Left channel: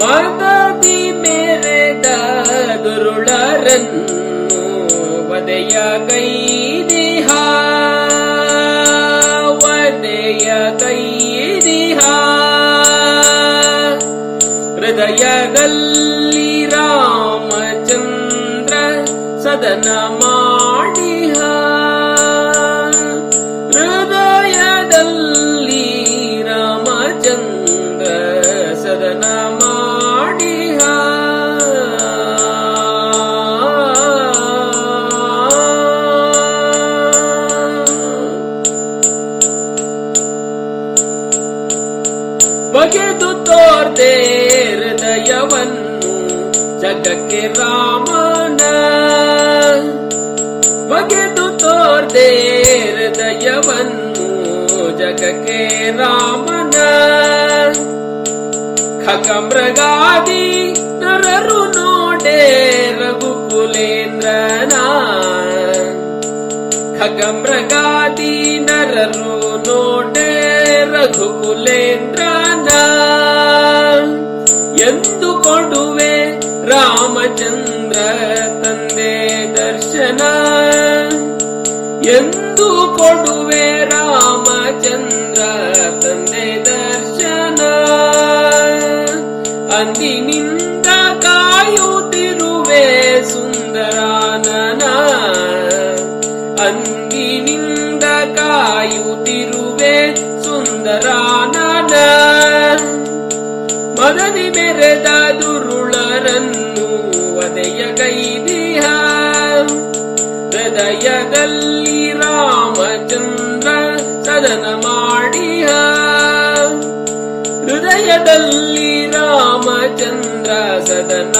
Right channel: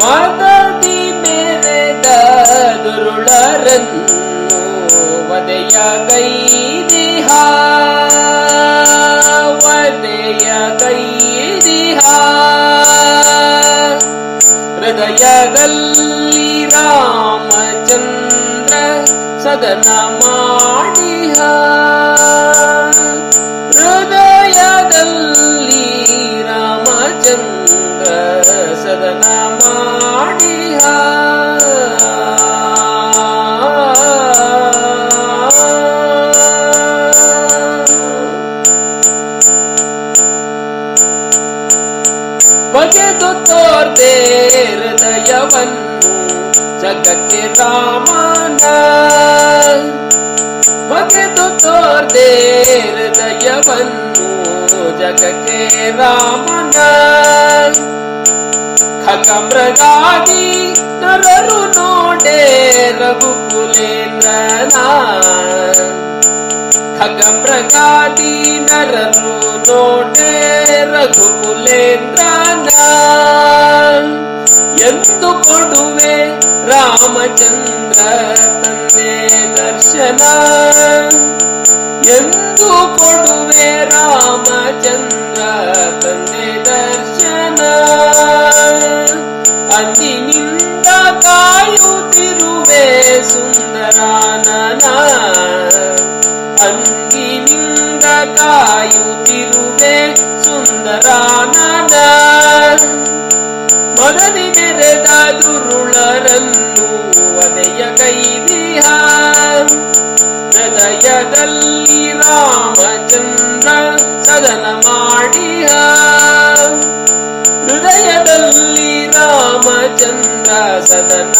ಮದದಿ ಮೇರೆದ ದುರುಳರನ್ನು ವದೆಯ ಕೈದಿಹ ವದೆಯ ಕೈದಿಹ ಹೃದಯದಲ್ಲಿ ರಾಮಚಂದ್ರ ಸದನ ಮಾಡಿಹ. ಬಗೆದು ತೋರ್ದೆ ಹೃದಯವನ್ನು ಜಗಕ್ಕೆ ರಾಮನ ಬಗೆದು ತೋರ್ದೆ ಹೃದಯವನ್ನು ಜಗಕ್ಕೆ ರಾಮನ ಖಗಮೃಗಾದಿ ನರರು ನೋಡೆ ರಘುಕುಲೇಂದ್ರನ ಖಗಮೃಗಾದಿ ನರರು ನೋಡೆ ರಘುಕುಲೇಂದ್ರನ ಎಂದು ಕೊಡುವೆ ರಾಮಚಂದ್ರ ತಂದೆ ದರ್ಶನ ಎಂದು ಕೊಡುವೆ ರಾಮಚಂದ್ರ ತಂದೆ ದರ್ಶನ ಅಂದಿನಿಂದ ಕಾಯುತ್ತಿರುವೆ ಸುಂದರಾನನ ಅಂದಿನಿಂದ ಕಾಯುತ್ತಿರುವೆ ಸುಂದರಾನನ ಮರಳಿ ಮೆರೆದ ದುರುಳರನ್ನು ವದೆಯ ಗೈದಿಹ ಹೃದಯದಲ್ಲಿ ರಾಮಚಂದ್ರ ಸದನ ಮಾಡಿಹ ಹೃದಯದಲ್ಲಿ ರಾಮಚಂದ್ರ ಸದನ